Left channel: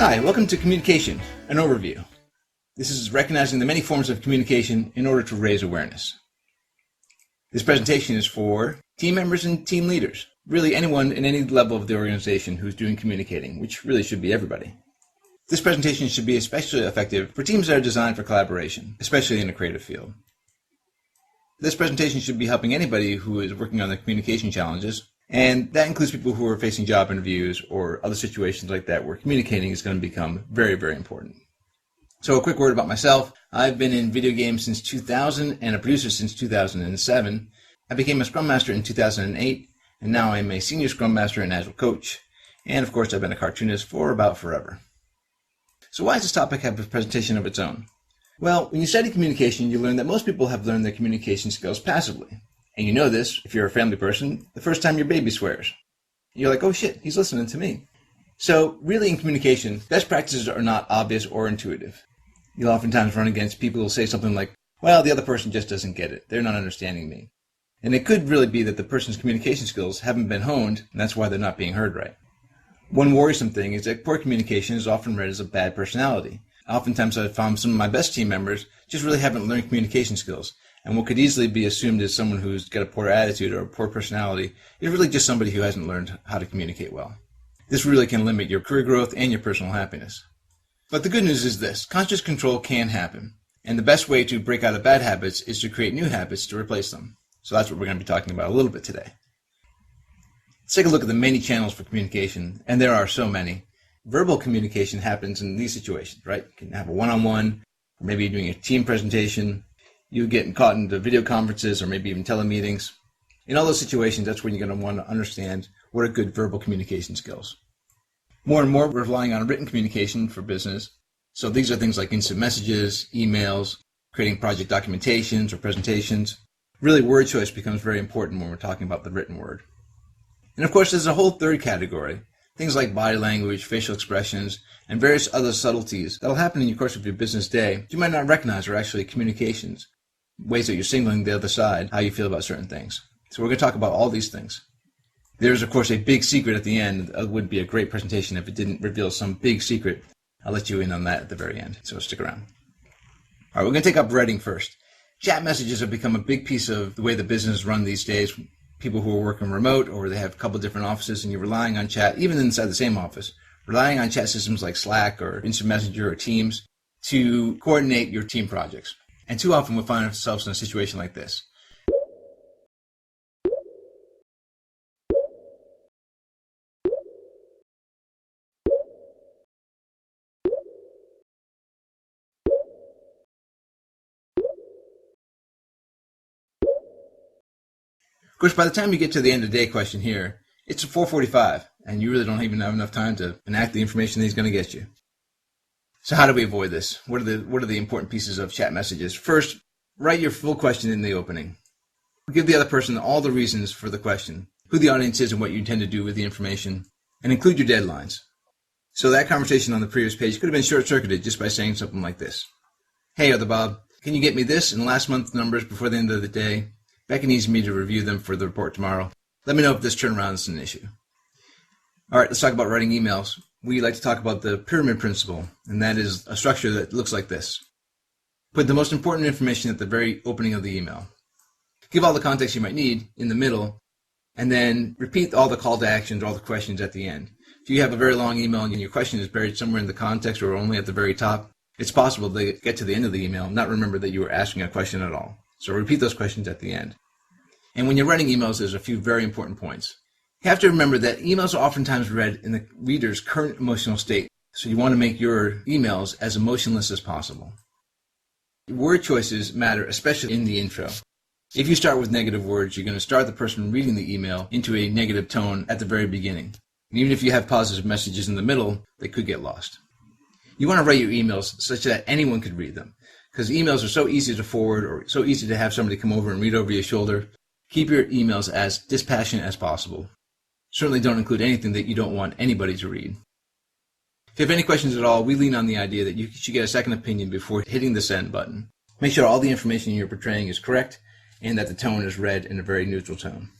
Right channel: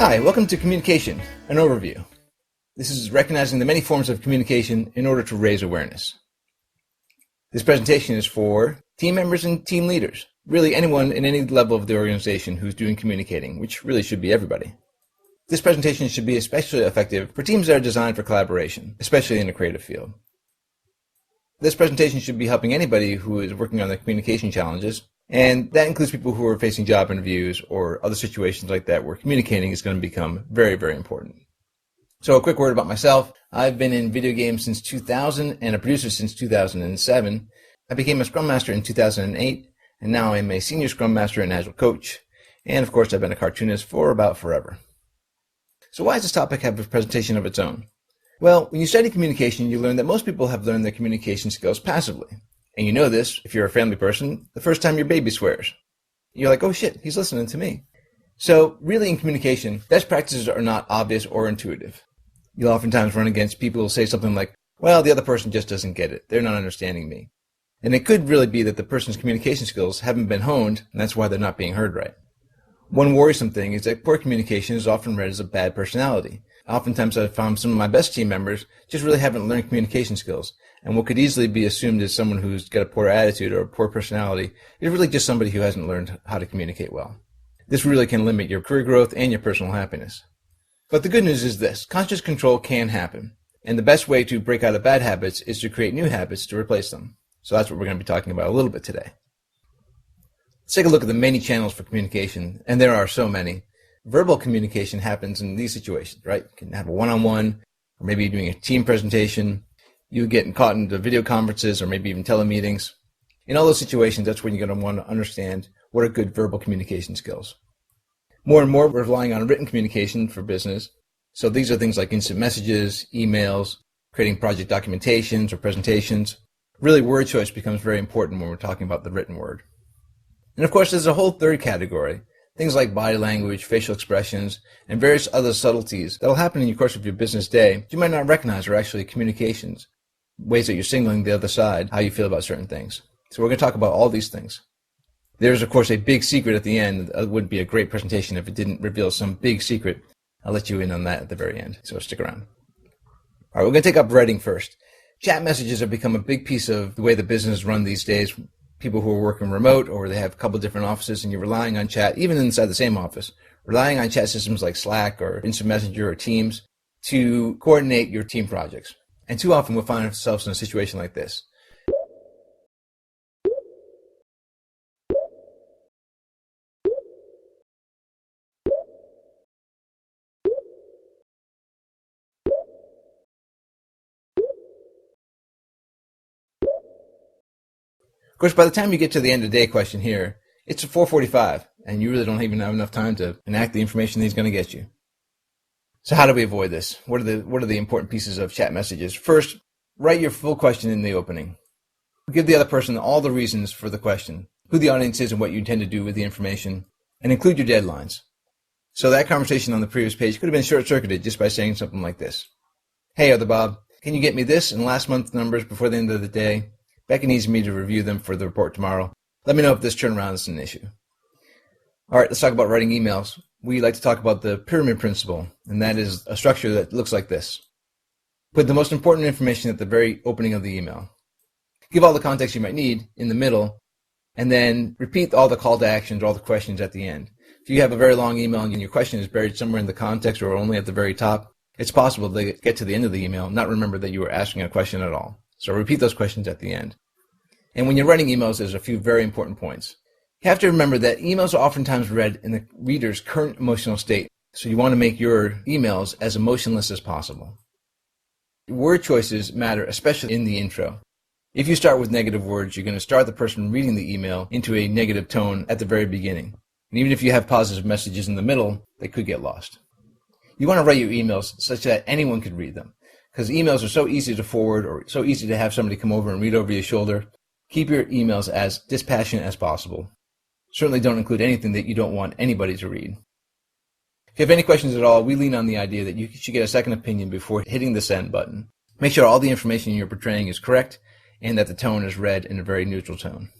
Hi, welcome to Communication, an overview. This is recognizing the many forms of communication in order to raise awareness. This presentation is for team members and team leaders, really anyone in any level of the organization who's doing communicating, which really should be everybody. This presentation should be especially effective for teams that are designed for collaboration, especially in the creative field. This presentation should be helping anybody who is working on the communication challenges, and that includes people who are facing job interviews or other situations like that where communicating is going to become very, very important. So a quick word about myself. I've been in video games since 2000 and a producer since 2007. I became a Scrum Master in 2008, and now I'm a Senior Scrum Master and Agile Coach. And of course, I've been a cartoonist for about forever. So why does this topic have a presentation of its own? Well, when you study communication, you learn that most people have learned their communication skills passively. And you know this, if you're a family person, the first time your baby swears. You're like, oh shit, he's listening to me. So really in communication, best practices are not obvious or intuitive. You'll oftentimes run against people who say something like, well, the other person just doesn't get it. They're not understanding me. And it could really be that the person's communication skills haven't been honed, and that's why they're not being heard right. One worrisome thing is that poor communication is often read as a bad personality. Oftentimes I've found some of my best team members just really haven't learned communication skills. And what could easily be assumed as someone who's got a poor attitude or a poor personality is really just somebody who hasn't learned how to communicate well. This really can limit your career growth and your personal happiness. But the good news is this, conscious control can happen. And the best way to break out of bad habits is to create new habits to replace them. So that's what we're going to be talking about a little bit today. Let's take a look at the many channels for communication, and there are so many. Verbal communication happens in these situations, right? You can have a one-on-one, or maybe you're doing a team presentation. You get caught into video conferences or maybe even telemeetings. In all those situations, that's when you're going to want to understand what are good verbal communication skills. More and more, we're relying on written communication for business. So these are things like instant messages, emails, creating project documentations or presentations. Really, word choice becomes very important when we're talking about the written word. And of course, there's a whole third category, things like body language, facial expressions, and various other subtleties that'll happen in the course of your business day that you might not recognize are actually communications. Ways that you're signaling the other side how you feel about certain things. So we're going to talk about all these things. There's, of course, a big secret at the end. It would be a great presentation if it didn't reveal some big secret. I'll let you in on that at the very end, so stick around. All right, we're going to take up writing first. Chat messages have become a big piece of the way the business is run these days. People who are working remote or they have a couple different offices and you're relying on chat, even inside the same office, relying on chat systems like Slack or Instant Messenger or Teams to coordinate your team projects. And too often we'll find ourselves in a situation like this. Of course, by the time you get to the end of the day question here, it's 4:45, and you really don't even have enough time to enact the information that he's going to get you. So how do we avoid this? What are the important pieces of chat messages? First, write your full question in the opening. Give the other person all the reasons for the question, who the audience is and what you intend to do with the information, and include your deadlines. So that conversation on the previous page could have been short-circuited just by saying something like this. Hey, Other Bob, can you get me this and last month's numbers before the end of the day? Becky needs me to review them for the report tomorrow. Let me know if this turnaround is an issue. All right, let's talk about writing emails. We like to talk about the pyramid principle, and that is a structure that looks like this. Put the most important information at the very opening of the email. Give all the context you might need in the middle, and then repeat all the call to actions or all the questions at the end. If you have a very long email and your question is buried somewhere in the context or only at the very top, it's possible to get to the end of the email and not remember that you were asking a question at all. So repeat those questions at the end. And when you're writing emails, there's a few very important points. You have to remember that emails are oftentimes read in the reader's current emotional state. So you want to make your emails as emotionless as possible. Word choices matter, especially in the intro. If you start with negative words, you're going to start the person reading the email into a negative tone at the very beginning. And even if you have positive messages in the middle, they could get lost. You want to write your emails such that anyone could read them, because emails are so easy to forward or so easy to have somebody come over and read over your shoulder. Keep your emails as dispassionate as possible. Certainly don't include anything that you don't want anybody to read. If you have any questions at all, we lean on the idea that you should get a second opinion before hitting the send button. Make sure all the information you're portraying is correct and that the tone is read in a very neutral tone.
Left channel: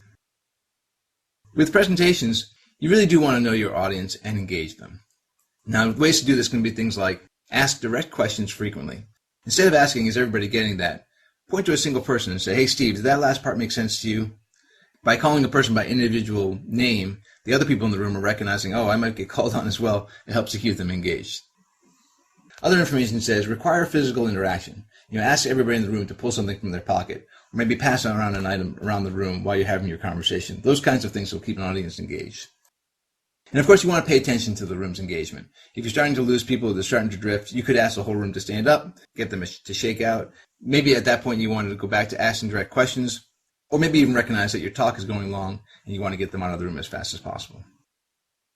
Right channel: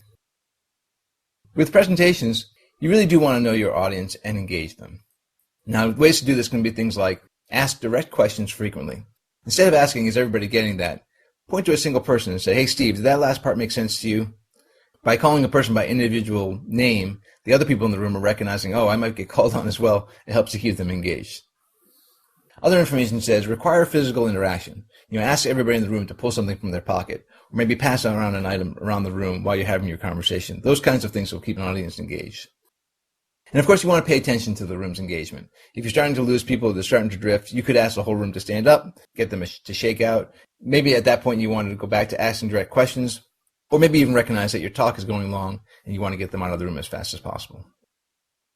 With presentations, you really do want to know your audience and engage them. Now, ways to do this can be things like ask direct questions frequently. Instead of asking, is everybody getting that? Point to a single person and say, hey, Steve, did that last part make sense to you? By calling a person by individual name, the other people in the room are recognizing, oh, I might get called on as well. It helps to keep them engaged. Other information says require physical interaction. Ask everybody in the room to pull something from their pocket, or maybe pass around an item around the room while you're having your conversation. Those kinds of things will keep an audience engaged. And of course, you want to pay attention to the room's engagement. If you're starting to lose people, they're starting to drift, you could ask the whole room to stand up, get them to shake out. Maybe at that point you wanted to go back to asking direct questions, or maybe even recognize that your talk is going long and you want to get them out of the room as fast as possible.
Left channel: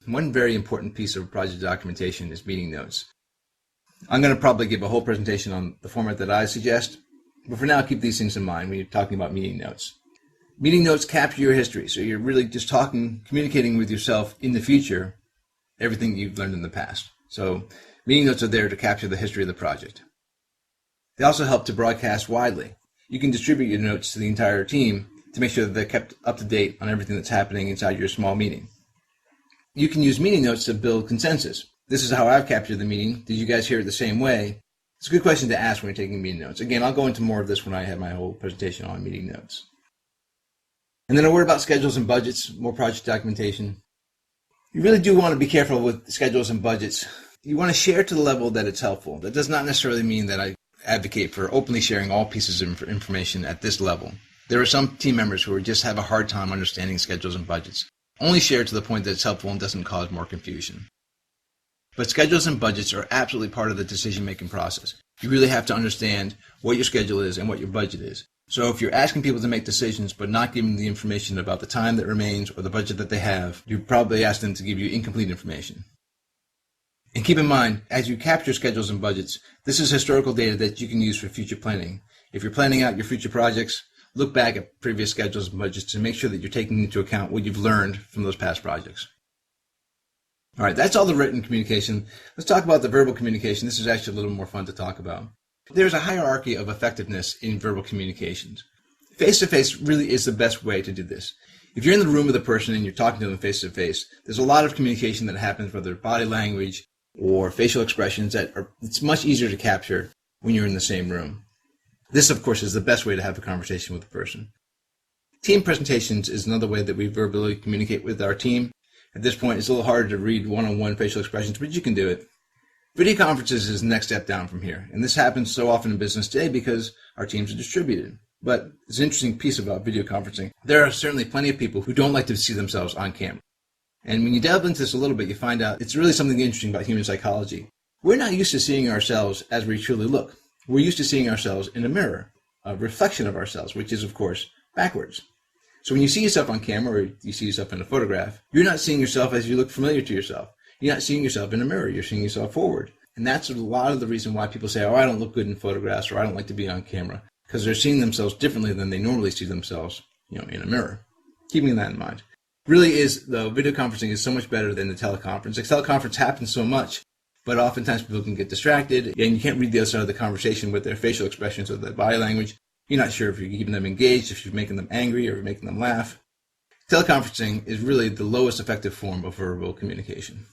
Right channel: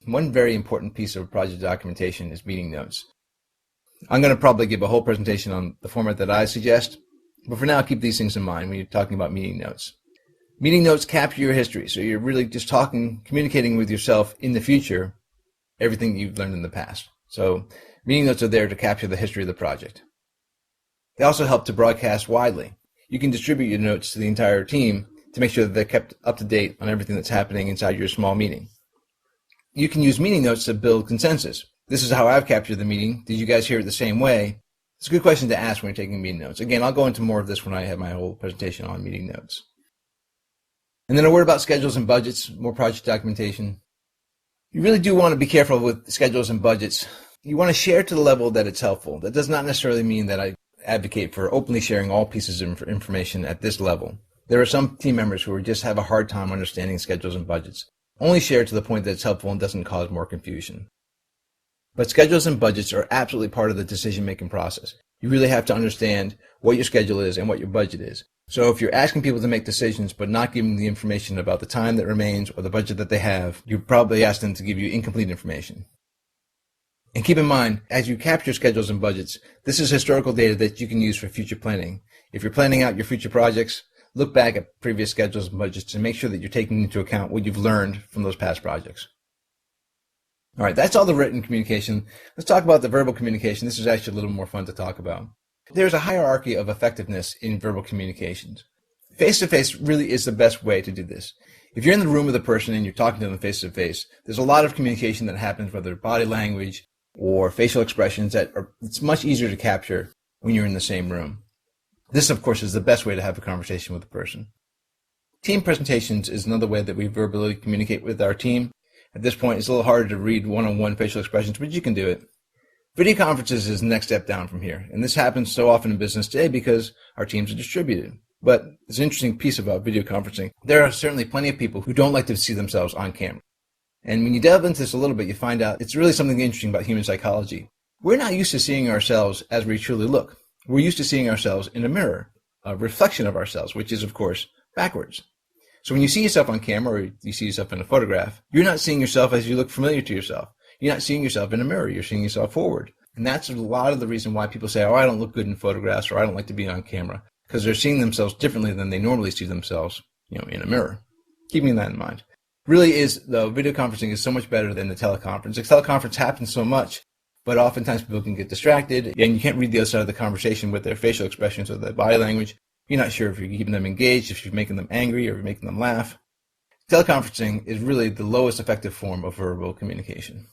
One very important piece of project documentation is meeting notes. I'm going to probably give a whole presentation on the format that I suggest, but for now, keep these things in mind when you're talking about meeting notes. Meeting notes capture your history, so you're really just communicating with yourself in the future, everything you've learned in the past. So meeting notes are there to capture the history of the project. They also help to broadcast widely. You can distribute your notes to the entire team to make sure that they're kept up to date on everything that's happening inside your small meeting. You can use meeting notes to build consensus. This is how I've captured the meeting. Did you guys hear it the same way? It's a good question to ask when you're taking meeting notes. Again, I'll go into more of this when I have my whole presentation on meeting notes. And then a word about schedules and budgets, more project documentation. You really do want to be careful with schedules and budgets. You want to share to the level that it's helpful. That does not necessarily mean that I advocate for openly sharing all pieces of information at this level. There are some team members who just have a hard time understanding schedules and budgets. Only share to the point that it's helpful and doesn't cause more confusion. But schedules and budgets are absolutely part of the decision-making process. You really have to understand what your schedule is and what your budget is. So if you're asking people to make decisions but not giving them the information about the time that remains or the budget that they have, you probably ask them to give you incomplete information. And keep in mind, as you capture schedules and budgets, this is historical data that you can use for future planning. If you're planning out your future projects, look back at previous schedules and budgets to make sure that you're taking into account what you've learned from those past projects. All right, that's all the written communication. Let's talk about the verbal communication. This is actually a little more fun to talk about. There's a hierarchy of effectiveness in verbal communications. Face-to-face really is the best way to do this. If you're in the room with a person and you're talking to them face-to-face, there's a lot of communication that happens, whether body language or facial expressions, it's much easier to capture when you're in the same room. This, of course, is the best way to have a conversation with a person. Team presentations is another way that we verbally communicate with our team. At this point, it's a little harder to read one-on-one facial expressions, but you can do it. Video conferences is the next step down from here, and this happens so often in business today because our teams are distributed. But it's an interesting piece about video conferencing. There are certainly plenty of people who don't like to see themselves on camera. And when you delve into this a little bit, you find out it's really something interesting about human psychology. We're not used to seeing ourselves as we truly look. We're used to seeing ourselves in a mirror, a reflection of ourselves, which is, of course, backwards. So when you see yourself on camera or you see yourself in a photograph, you're not seeing yourself as you look familiar to yourself. You're not seeing yourself in a mirror. You're seeing yourself forward. And that's a lot of the reason why people say, oh, I don't look good in photographs, or I don't like to be on camera, because they're seeing themselves differently than they normally see themselves, in a mirror. Keeping that in mind. Really is, the video conferencing is so much better than the teleconference. The teleconference happens so much, but oftentimes people can get distracted, and you can't read the other side of the conversation with their facial expressions or their body language. You're not sure if you're keeping them engaged, if you're making them angry, or making them laugh. Teleconferencing is really the lowest effective form of verbal communication.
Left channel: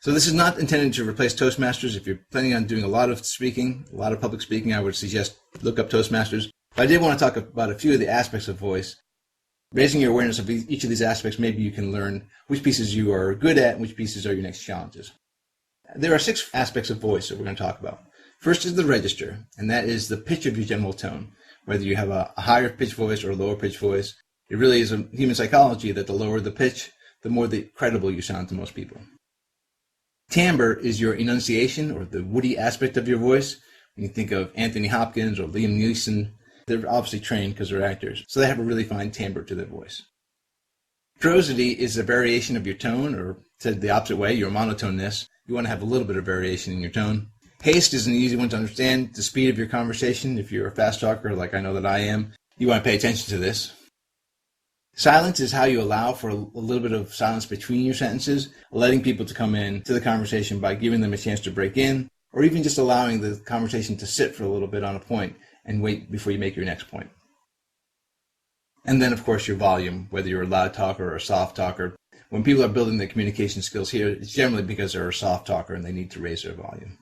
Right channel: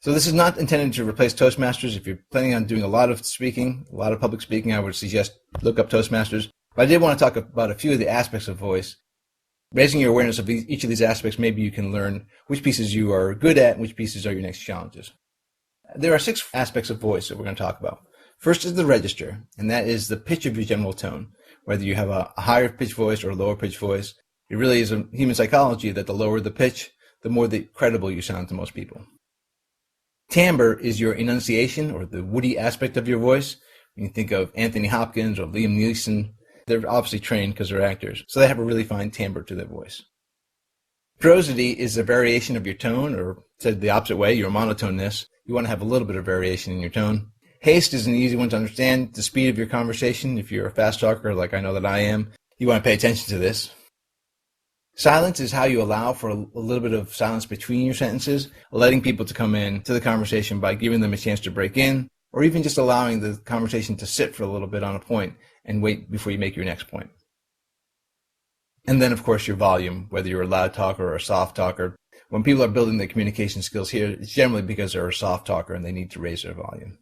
So this is not intended to replace Toastmasters. If you're planning on doing a lot of speaking, a lot of public speaking, I would suggest look up Toastmasters. But I did want to talk about a few of the aspects of voice. Raising your awareness of each of these aspects, maybe you can learn which pieces you are good at and which pieces are your next challenges. There are 6 aspects of voice that we're going to talk about. First is the register, and that is the pitch of your general tone. Whether you have a higher pitch voice or a lower pitch voice, it really is a human psychology that the lower the pitch, the more credible you sound to most people. Timbre is your enunciation, or the woody aspect of your voice. When you think of Anthony Hopkins or Liam Neeson, they're obviously trained because they're actors, so they have a really fine timbre to their voice. Prosody is a variation of your tone, or said the opposite way, your monotoneness. You want to have a little bit of variation in your tone. Haste is an easy one to understand, the speed of your conversation. If you're a fast talker, like I know that I am, you want to pay attention to this. Silence is how you allow for a little bit of silence between your sentences, letting people to come in to the conversation by giving them a chance to break in, or even just allowing the conversation to sit for a little bit on a point and wait before you make your next point. And then, of course, your volume, whether you're a loud talker or a soft talker. when people are building their communication skills here, it's generally because they're a soft talker and they need to raise their volume.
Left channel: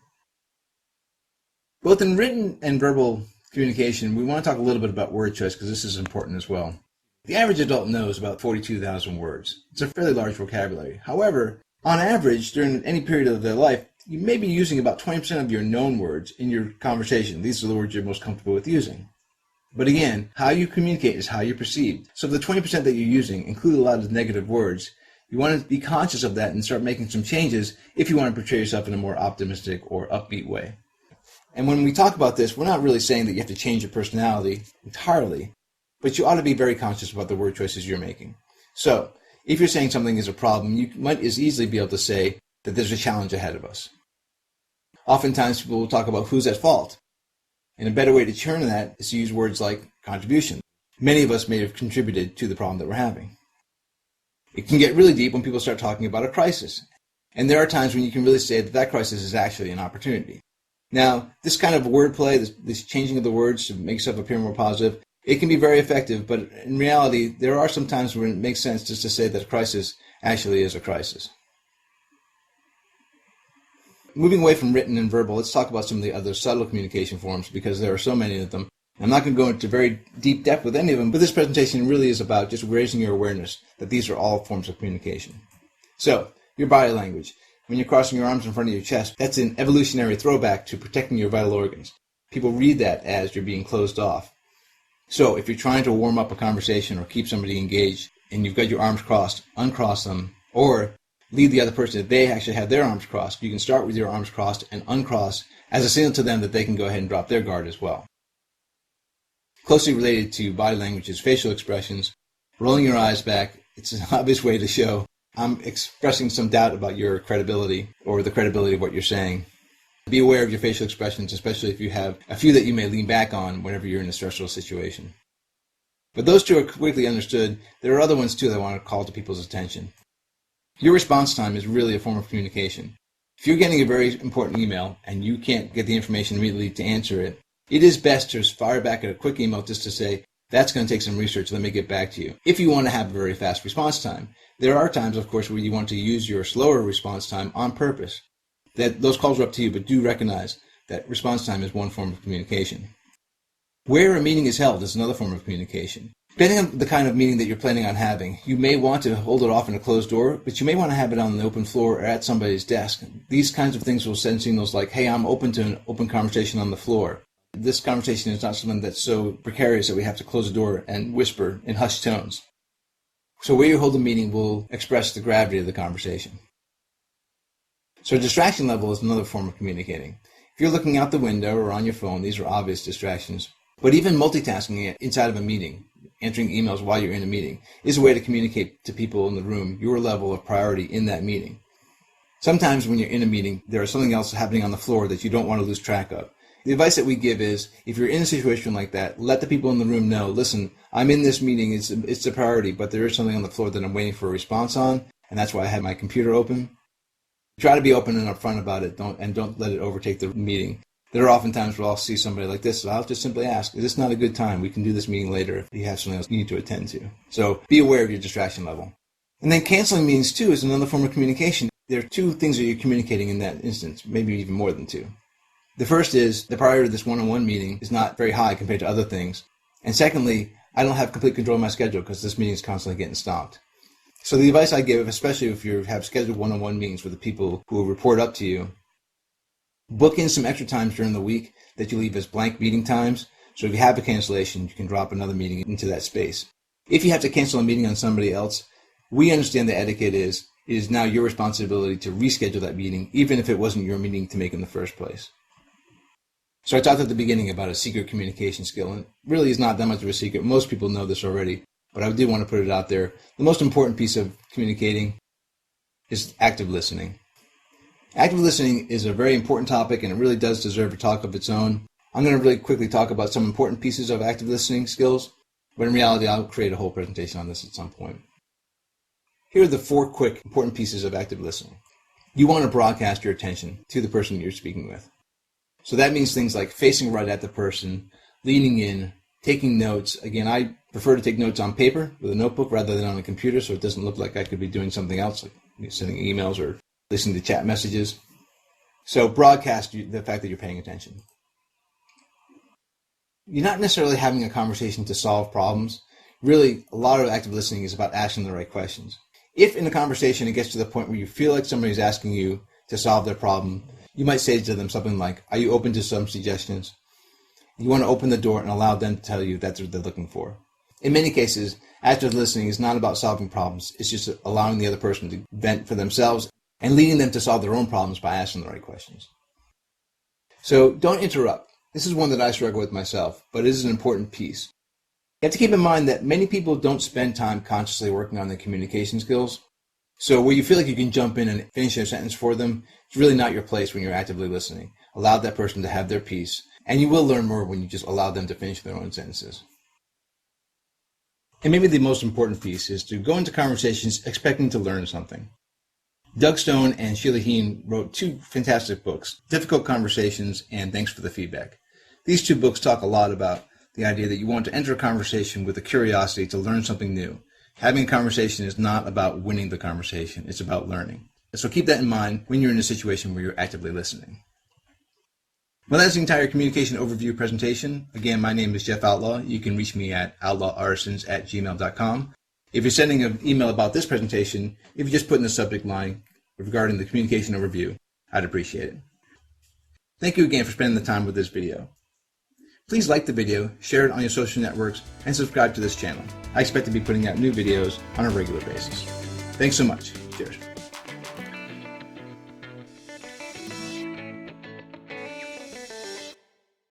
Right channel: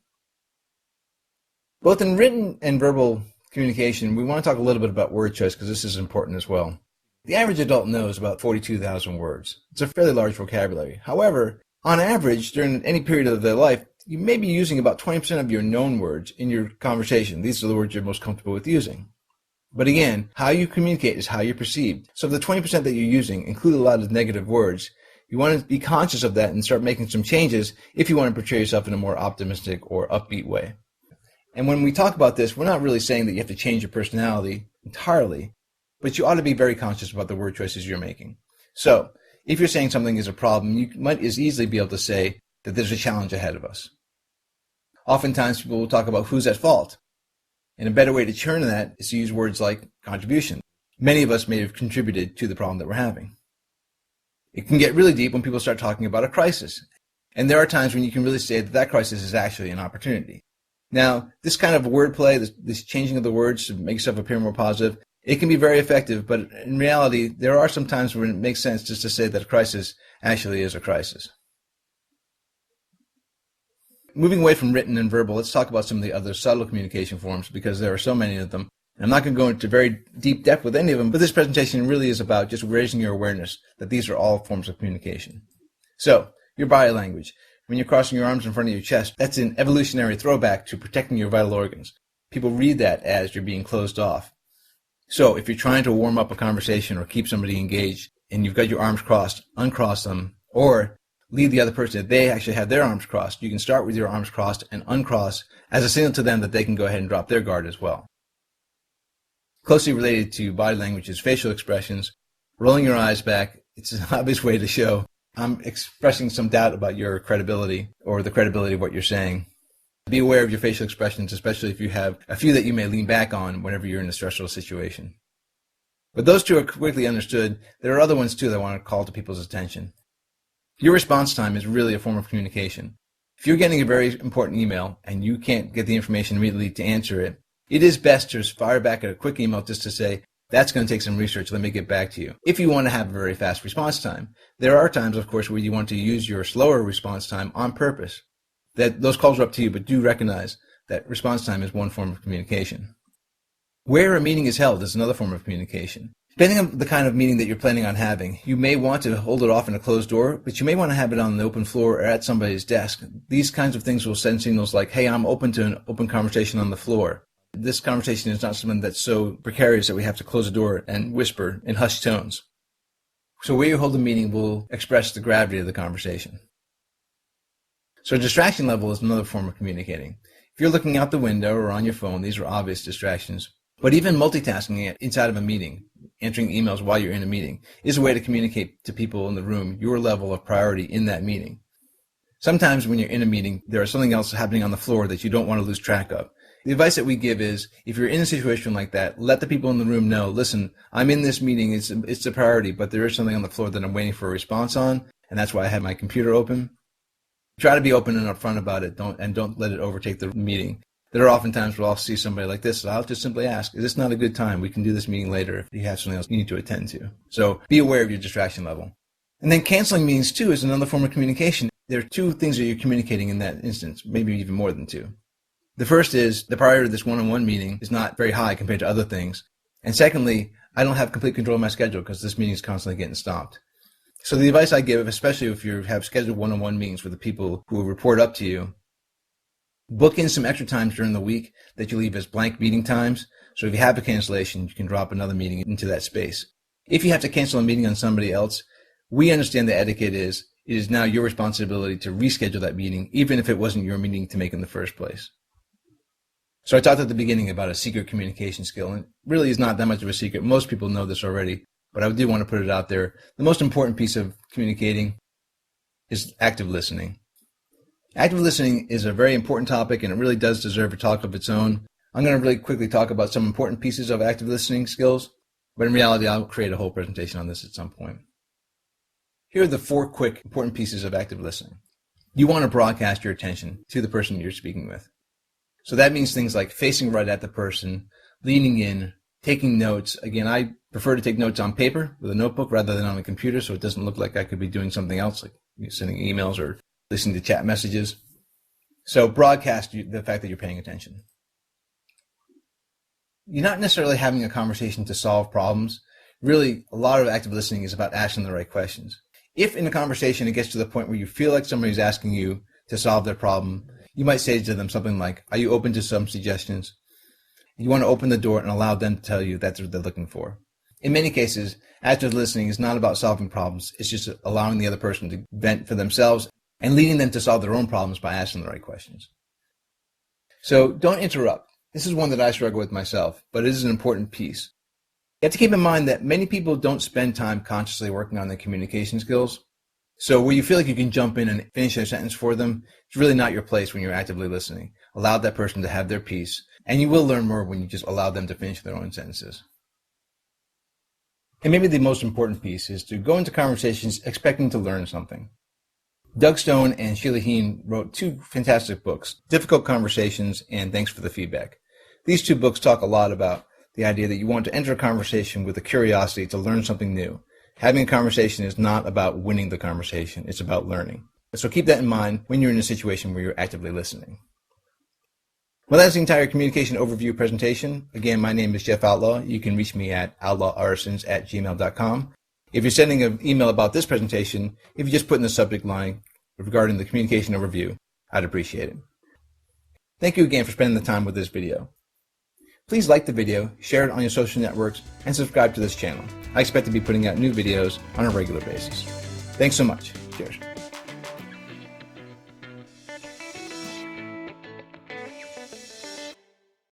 Both in written and verbal communication, we want to talk a little bit about word choice because this is important as well. The average adult knows about 42,000 words. It's a fairly large vocabulary. However, on average, during any period of their life, you may be using about 20% of your known words in your conversation. These are the words you're most comfortable with using. But again, how you communicate is how you're perceived. So if the 20% that you're using include a lot of negative words, you want to be conscious of that and start making some changes if you want to portray yourself in a more optimistic or upbeat way. And when we talk about this, we're not really saying that you have to change your personality entirely, but you ought to be very conscious about the word choices you're making. So if you're saying something is a problem, you might as easily be able to say that there's a challenge ahead of us. Oftentimes people will talk about who's at fault. And a better way to turn that is to use words like contribution. Many of us may have contributed to the problem that we're having. It can get really deep when people start talking about a crisis. And there are times when you can really say that that crisis is actually an opportunity. Now, this kind of wordplay, this changing of the words to make stuff appear more positive, it can be very effective, but in reality, there are some times when it makes sense just to say that a crisis actually is a crisis. Moving away from written and verbal, let's talk about some of the other subtle communication forms because there are so many of them. I'm not going to go into very deep depth with any of them, but this presentation really is about just raising your awareness that these are all forms of communication. So, your body language. When you're crossing your arms in front of your chest, that's an evolutionary throwback to protecting your vital organs. People read that as you're being closed off. So, if you're trying to warm up a conversation or keep somebody engaged and you've got your arms crossed, uncross them, or lead the other person that they actually have their arms crossed. You can start with your arms crossed and uncross as a signal to them that they can go ahead and drop their guard as well. Closely related to body language is facial expressions. Rolling your eyes back, it's an obvious way to show I'm expressing some doubt about your credibility or the credibility of what you're saying. Be aware of your facial expressions, especially if you have a few that you may lean back on whenever you're in a stressful situation. But those two are quickly understood. There are other ones too that I want to call to people's attention. Your response time is really a form of communication. If you're getting a very important email and you can't get the information immediately to answer it, it is best to fire back a quick email just to say, that's going to take some research, let me get back to you. If you want to have a very fast response time, there are times, of course, where you want to use your slower response time on purpose. Those calls are up to you, but do recognize that response time is one form of communication. Where a meeting is held is another form of communication. Depending on the kind of meeting that you're planning on having, you may want to hold it off in a closed door, but you may want to have it on the open floor or at somebody's desk. These kinds of things will send signals like, hey, I'm open to an open conversation on the floor. This conversation is not something that's so precarious that we have to close the door and whisper in hushed tones. So where you hold the meeting will express the gravity of the conversation. So distraction level is another form of communicating. If you're looking out the window or on your phone, these are obvious distractions. But even multitasking inside of a meeting, answering emails while you're in a meeting, is a way to communicate to people in the room your level of priority in that meeting. Sometimes when you're in a meeting, there is something else happening on the floor that you don't want to lose track of. The advice that we give is, if you're in a situation like that, let the people in the room know, listen, I'm in this meeting, it's a priority, but there is something on the floor that I'm waiting for a response on, and that's why I have my computer open. Try to be open and upfront about it, don't let it overtake the meeting. There are often times where I'll see somebody like this, and I'll just simply ask, is this not a good time? We can do this meeting later if you have something else you need to attend to. So be aware of your distraction level. And then canceling meetings too is another form of communication. There are two things that you're communicating in that instance, maybe even more than two. The first is the priority of this one-on-one meeting is not very high compared to other things. And secondly, I don't have complete control of my schedule because this meeting is constantly getting stopped. So the advice I give, especially if you have scheduled one-on-one meetings with the people who will report up to you, book in some extra times during the week that you leave as blank meeting times. So if you have a cancellation, you can drop another meeting into that space. If you have to cancel a meeting on somebody else, we understand the etiquette is it is now your responsibility to reschedule that meeting, even if it wasn't your meeting to make in the first place. So I talked at the beginning about a secret communication skill, and it really is not that much of a secret. Most people know this already, but I did want to put it out there. The most important piece of communicating is active listening. Active listening is a very important topic, and it really does deserve a talk of its own. I'm going to really quickly talk about some important pieces of active listening skills, but in reality, I'll create a whole presentation on this at some point. Here are the 4 quick important pieces of active listening. You want to broadcast your attention to the person you're speaking with. So that means things like facing right at the person, leaning in, taking notes. Again, I prefer to take notes on paper with a notebook rather than on a computer so it doesn't look like I could be doing something else, like sending emails or listening to chat messages. So broadcast the fact that you're paying attention. You're not necessarily having a conversation to solve problems. Really, a lot of active listening is about asking the right questions. If in a conversation it gets to the point where you feel like somebody's asking you to solve their problem, you might say to them something like, "Are you open to some suggestions?" You want to open the door and allow them to tell you that's what they're looking for. In many cases, active listening is not about solving problems. It's just allowing the other person to vent for themselves and leading them to solve their own problems by asking the right questions. So don't interrupt. This is one that I struggle with myself, but it is an important piece. You have to keep in mind that many people don't spend time consciously working on their communication skills. So where you feel like you can jump in and finish a sentence for them, it's really not your place when you're actively listening. Allow that person to have their piece, and you will learn more when you just allow them to finish their own sentences. And maybe the most important piece is to go into conversations expecting to learn something. Doug Stone and Sheila Heen wrote 2 fantastic books, Difficult Conversations and Thanks for the Feedback. These 2 books talk a lot about the idea that you want to enter a conversation with a curiosity to learn something new. Having a conversation is not about winning the conversation, it's about learning. So keep that in mind when you're in a situation where you're actively listening. Well, that's the entire communication overview presentation. Again, my name is Jeff Outlaw. You can reach me at outlawarsons@gmail.com. If you're sending an email about this presentation, if you just put in the subject line regarding the communication overview, I'd appreciate it. Thank you again for spending the time with this video. Please like the video, share it on your social networks, and subscribe to this channel. I expect to be putting out new videos on a regular basis. Thanks so much. Cheers.